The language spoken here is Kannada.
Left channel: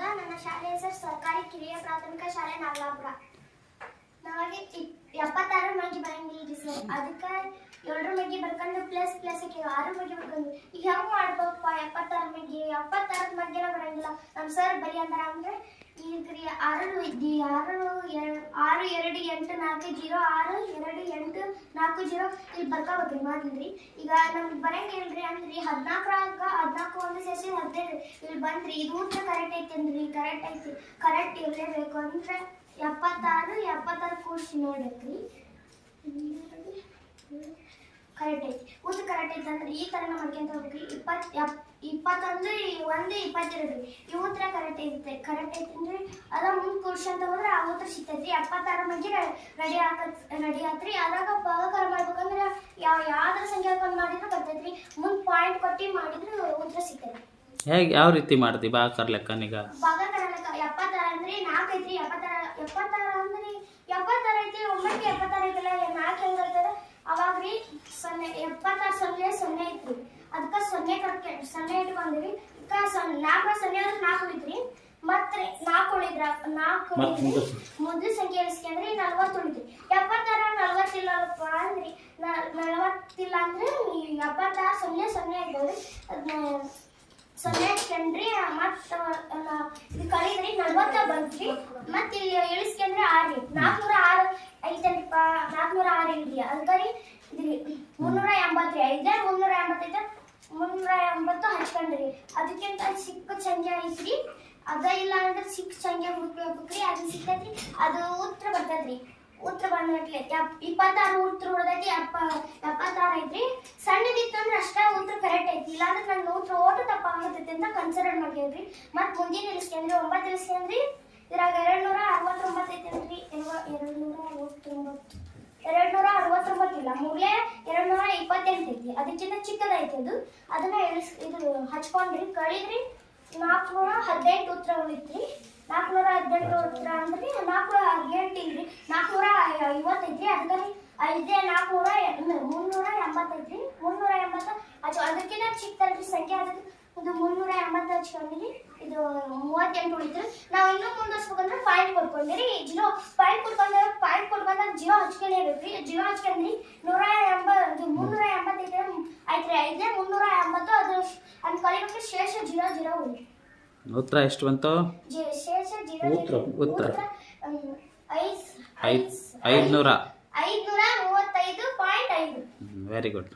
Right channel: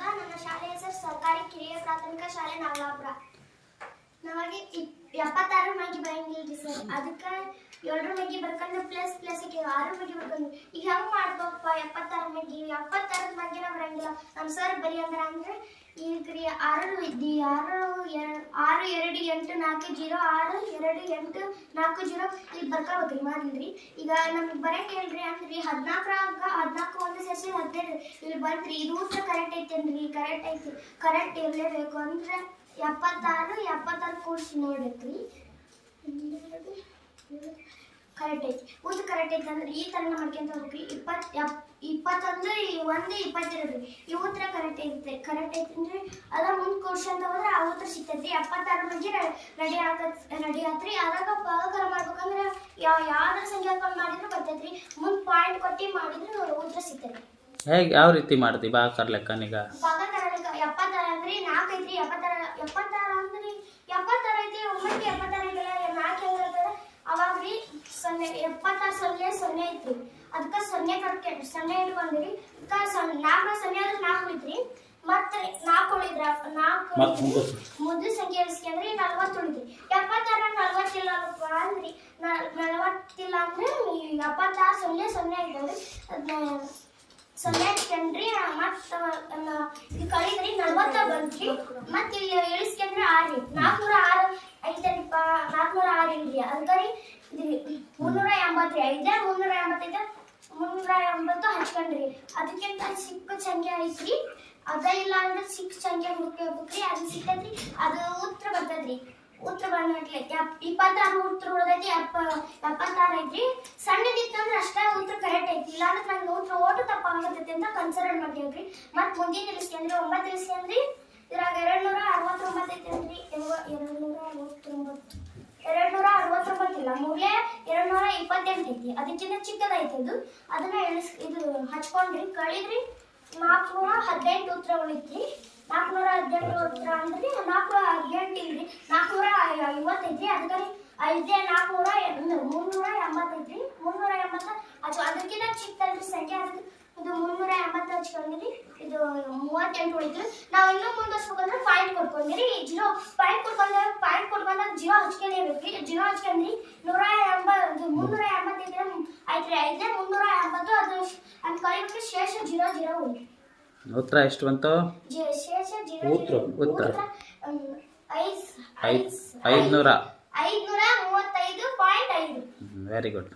ಸ್ವಾಗತ ನನ್ನ ಶಾಲೆ ಹೆಸರು ಸರ್ಕಾರಿ ಕಿರಿಯ ಪ್ರಾಥಮಿಕ ಶಾಲೆ ನಾಗಲಾಪುರ ನಮಗೆ ಎಪ್ಪತ್ತಾರು ಮಗಿ ಬರಂಗಿಲ್ರಿ ಸರ್. ಅದಕ್ಕೆ ಏಳರ ಮಗಿ ಬರ್ಕೊಂಡು ಪ್ಲಸ್ ಪ್ಲಸ್ ಆರು ಮಗಿ ಬರ್ಕೊಂಡು. ಈಗ ಹೆಂಗ್ ಮಾಡ್ಬೇಕಪ್ಪ? ಎಪ್ಪತ್ತಾರು ಮಗಿ ಎಪ್ಪತ್ತಾರು ಮಗಿನ ಬರಂಗಿಲ್ಲ. ನಮ್ಮ ಸರ್ ಬರಿ ಅಂದ್ರ ಅಂದ್ರೆ, ಈಗ ಆರು ಇದ್ದಿ, ಆರು ಎರಡು ಆರು ಎರಡು ಎಂಟು ನಾಲ್ಕು ಜೀರೋ, ಆರು ಎರಡು ಎಂಟು ನಾಲ್ಕು ಜೀರೋ, ಇಲ್ಲಿ ಬರ್ಕೋಬೇಕ್ರಿ ಮಾಡಿದ್ರಿ ಈಗ ನಮ್ಗೆ ಬರಂಗಿಲ್ರಿ ಅಂದ್ರಿ ಹದಿನಾಲ್ಕರಾಗ ಹದಿನಾಲ್ಕು ಹದಿನೈದು ಇಲ್ಲಿ ಬಂದ್ರಿ ಇದು ಊಟ ಕರೆಕ್ಟ್ ಐತಿ ಅಂದ್ರಿ ಕರೆಕ್ಟ್ ಐತಿ. ಕರೆಕ್ಟ್ ಇರಲೇಬೇಕು ಅಂದ್ರೆ ಎಪ್ಪತ್ತಾರು ಎಪ್ಪತ್ತಾರು ಕೂಡಿಸಿ ನೋಡ್ಬೇಕ್ರಿ ಕರೆಕ್ಟ್ ಐತಿ. ಊಟ ಕರೆಕ್ಟ್ ಐತಿ ಅಂದ್ರೆ ಈ ಥರ ಮಾಡ್ಕೊಂತ ಹೋಗ್ರಿ. ಇಪ್ಪತ್ತು ಎಪ್, ಇಪ್ಪತ್ತೊಂದು, ಒಂದು, ಇಪ್ಪತ್ತೆರಡು. ಈ ಉತ್ತರ ಕರೆಕ್ಟ್ ಐತೆ. ಕರೆಕ್ಟ್ ಐತಿ ಅಂದ್ರೆ ಅದ ಮುಂದೆ ಅಂತ ಹೋದ್ರೆ ಆ ಉತ್ತರ ಸಿಗ್ತೈತಿ ಎಪ್ಪತ್ತಾರು ಮಂದಿ ರೆಡಿ ಆಗತ್ ರೆಡಿ ಆತ್ರಿ ಅದಾಗ ಪಗಾರ ಮಾಡ್ಬೇಕಂದ್ರೆ ಯಾವ ಯಾವ್ದ್ರ ಸಂಖ್ಯಾಕರಣ ಮಾಡಿದ್ರು ಬರ್ತೈತ್ರಿ. ಮುಂದೆ ಪಾಯಿಂಟ್ ಕೊಟ್ಟು ಮಾಡಿದ್ರು ಹೇಗೆ ಯಾವ ರೀತಿ ಮಾಡ್ತಿ ಬಾಕರ್ ಲೆಕ್ಕನೀಗ ಭಾಗಕಾರ ಎಪ್ಪತ್ತಾರು ಸೊನ್ನೆ ಸೊನ್ನೆ ಅದಕ್ಕೆ ಸೊನ್ನೆ ಕರ್ಕೆ ಸೊನ್ನೆ ಇಟ್ಕೊಂಡ್ರಿ ಅದಕ್ಕೆ ಸೊನ್ನೆ ನಾಲ್ಕು ಸೊನ್ನೆ ನಾಲ್ಕು ಮತ್ತೆ ನಾಲ್ಕು ಉಳಿದ್ರ ನಾಲ್ಕು ಮೊದಲು ಸಂಖ್ಯೆ ಇಳಿಸ್ಕೊಂಡ್ರಿ ನಲ್ವತ್ತು ಉಳಿದ್ರಿ ಎಪ್ಪತ್ತಾರು ನಲ್ವತ್ತಿಲ್ಲಪ್ಪ ಅಂದ್ರಿ ನಲ್ವತ್ತಿಲ್ಲ ಅಂದ್ರೆ ಎಪ್ಪತ್ತಾರು ಸೊನ್ನೆ ಸೊನ್ನೆ ಇದ್ದಾವೆ ಸೊನ್ನೆ ಇಟ್ಕೊಂಡ್ರಿ ಮತ್ತ ಕಳಿದ್ರಿ ನಲ್ವತ್ತ ಬಂತ್ರಿ ಮತ್ತ ಇಲ್ಲಿ ಇಳಿಸ್ಕೊಂಡ್ರೆ ಆರ್ರಿ ನಾಲ್ಕುನೂರ ಆರು ಐತರಿಪ್ಪ ನಾಲ್ಕುನೂರ ಆರು ಇಲ್ರಿ. ಅದಕ್ಕೆ ಇದ್ರಿ ಮುನ್ನೂರ ಎಂಬತ್ತ್ರಿ. ಐದೇ ಮುನ್ನೂರ ಎಂಬತ್ತೈದು, ಮುನ್ನೂರ ಎಂಬತ್ತು ಹಚ್ಕೊಂಡ್ರಿ. ಅದಕ್ಕಿಂತ ಚಿಕ್ಕ ಸಂಖ್ಯೆ ಐತ್ರಿ. ಅದ ಇಲ್ಲ ಅಂದ್ರೆ ಚಿಕ್ಕ ಸಂಖ್ಯೆ ಹುಡುಕ್ಬೇಕ್ರಿ ಅದು ಸಿಕ್ಕತ್ರಿ ಅದು ಉತ್ತರ ಬರ್ತದ್ರಿ. ಉತ್ತರ ಬಂದ್ಬಿಟ್ಲೆ ಇಪ್ಪತ್ತಾರು ಉತ್ತರ ಉಳ್ದೈತಿ ಎಪ್ಪ ಎಪ್ಪತ್ತಾರು ಐತ್ರಿ. ಸಣ್ಣದಿತ್ತಂದ್ರೆ ಅಷ್ಟೇ ಉತ್ತರ ಕರೆಕ್ಟ್ ಐತಿ. ಇಲ್ಲಾಂದ್ರೆ ನಂಗೆ ಉತ್ತರ ಓಟು ತಪ್ಪ ಆಗತೈತಿ ಅಂತ ಕನ್ಸಿಡರ್ ಮಾಡ್ಕೊಂಡ್ರಿ. ಮತ್ತೆ ಮುಂದಿನ ಇಳಿಸ್ಕೊಂಡ್ರಿ ಒಂಬತ್ತು ಇಳಿಸ್ಕೊಂಡ್ರಿ ಇದ್ರಾಗ ಎರಡು ನೂರ ಅರವತ್ತೊಂಬತ್ತು ಐತಿ ಅಂದ್ರಿ ಎರಡು ನೂರ ಅರವತ್ತೊಂಬತ್ತು. ಎರಡ್ ನೂರ ಅರವತ್ತೊಂಬತ್ತು ಇಲ್ಲ. ಮೂಲೆ ಎರಡು ನೂರ ಇಪ್ಪತ್ತೆಂಟು ಐತಿ. ಅದಕ್ಕಿಂತ ಚಿಕ್ಕದೈತಿ ಅದು. ಅದನ್ನ ಇಳಿಸ್ ಇದು ಹಚ್ಕೊಂಡ್ರಿ. ಕಳಿದ್ರಿ. ನಾಲ್ಕುನೂರ ಹದಿನೆಂಟು ಉತ್ತರ ಉಳಿತ್ರಿ ನಾಲ್ಕುನೂರ ಹದಿನೆಂಟು ಉತ್ತರ ಅಂದ್ರೆ ನಾಲ್ಕುನೂರ ಹದಿನೆಂಟು ಐವತ್ತೈತ್ರಿ ಅದಕ್ಕೆ ಐದೇ ನಾಲ್ಕುನೂರ ಮುನ್ನೂರ ಎಂಬತ್ತೈತ್ರಿ ಮುನ್ನೂರ ಎಂಬತ್ತು ಅದು ಅದಕ್ಕಿಂತ ಚಿಕ್ಕದಲ್ರಿ ಸಂಖ್ಯೆ ಅದಕ್ಕೆ ಇದು ಮುನ್ನೂರ ಎಂಬತ್ತು ಹಚ್ಕೊಂಡಿರಿ ಇದು ಮೂವತ್ತೆಂಟು ಉಳಿತು. ನಾವು ಇನ್ನೂ ಹಚ್ಕೊಂಡ್ರೆ ಪಾಯಿಂಟ್ ಕೊಟ್ಕೊಂಡಿರಿ ಜಿರೋ ಪಾಯಿಂಟ್ ಕೊಟ್ಕೊಂಡ್ರೆ ಪಾಯಿಂಟ್ ಕೊಟ್ಕೊಂಡಾಗ ಜಿರೋ ಹಚ್ಕೊಂಡಿರ್ಬೇಕ್ರಿ. ಜಿಯೋ ಹಚ್ಕೊಂಡ್ರಿ ನೂರ ಎಂಬತ್ತು ಮುನ್ನೂರ ಎಂಬತ್ತೈದು ಐತ್ರಿ ಐದೇ ಮುನ್ನೂರ ಎಂಬತ್ತು ಅದು ಅಂತ ಕಲಿಬೇಕು ಶೇಷ ಜಿರೋ ಜಿರೋ ಉಂಟು ಉತ್ತರ ಎಷ್ಟು ಬಂತು? ಜಿ- ಶೇಷ ಜಿರೋ ಉತ್ತರ, ಉತ್ತರ. ಐದು. ಐದು ಐದುನೂರ. ಐದುನೂರ ಮೂವತ್ತೈದು ಪಾಯಿಂಟ್ ವೆರಿ ಗುಡ್